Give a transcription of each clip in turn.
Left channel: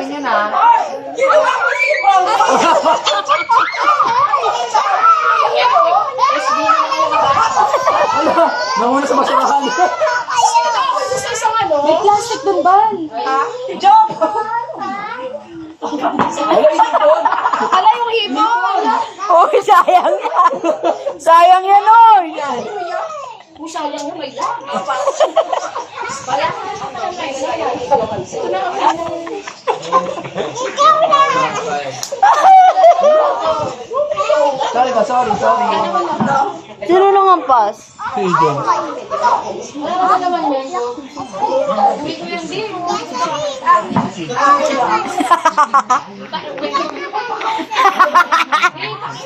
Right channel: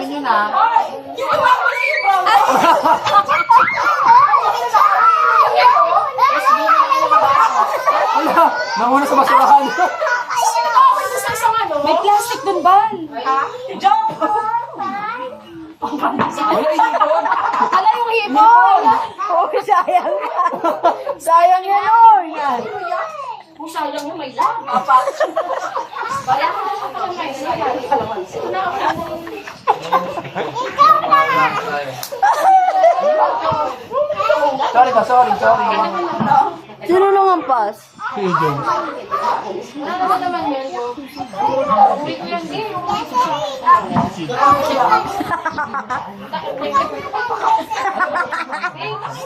namin yun ha. Nanguna sa masarahan. May plastic dun ba? Joke! Hala yung hipon! Uy, sayang na. Sayang yan, oy. Kung sayang yung may Sorry ka, sorry. Sino nung ampas? Pigeon.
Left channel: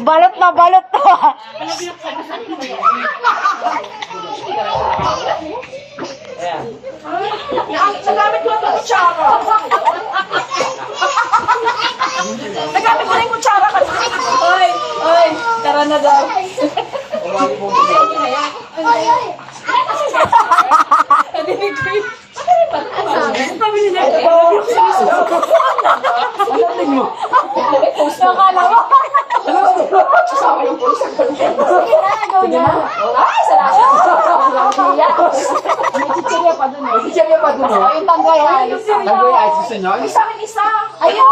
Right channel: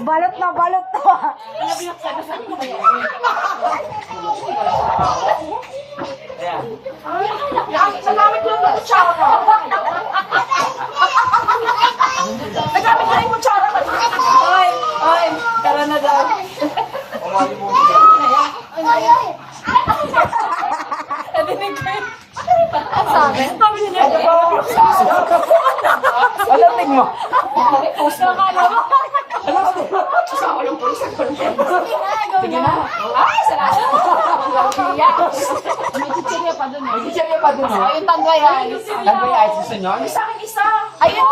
Balot na balot to. Nagamit ko lang ng kutsara. Nagamit ko lang yung kutsara kasi. Ay, tara na daw. Kadinig ko yun. Alating mo. Nakala mo. Kasama yung pulis ang content. Sige na. Ay, salamat. May chichirya pa dun. May chichirya pa dun, oh. Yung tanggay. Tanggay ay gusto nyo? Sa akin isa. Ayun.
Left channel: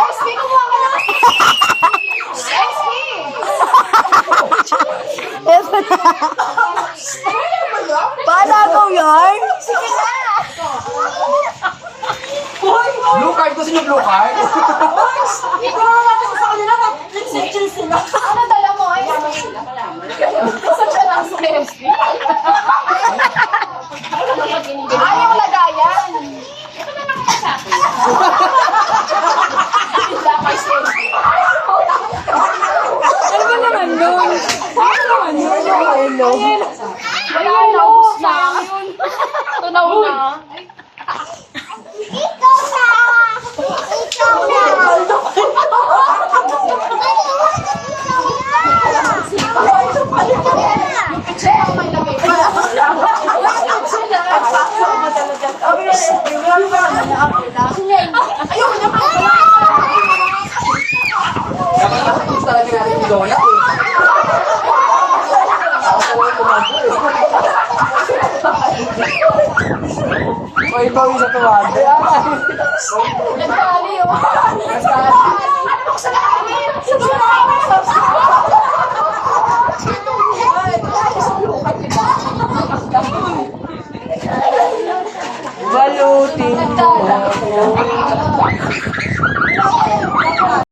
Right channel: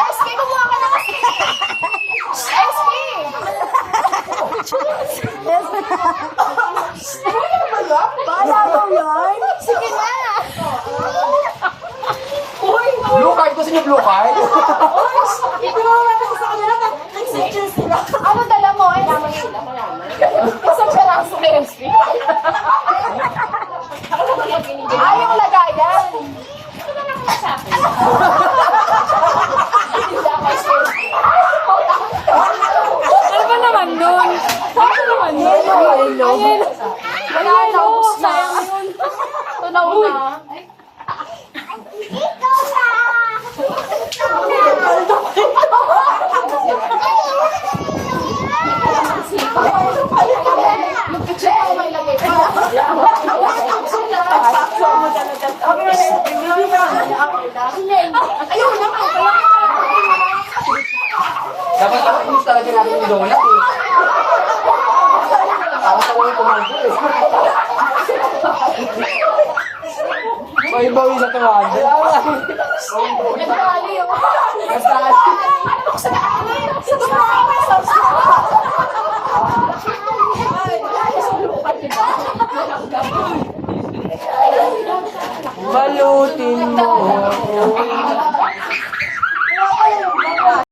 SB, kumuha ka na kasi. SB. Paano ako yan? Sige na. Blue card ko sa inyo, blue card. Ikaw na natin sa kanila. Nag-section sila. Ano dala mo? Sa charang sa SB. Ayaw lagayan. Ano ba naman yun? Hello. Wala na, ubus na. Tunaw na. Yung picture ko may lagay pa. Ayun naman. Dapat matikis talaga natin yung donut, eh. Para sa walang kumando, eh. May bawi sa tuwan. Nagkali yun. Balutin mo.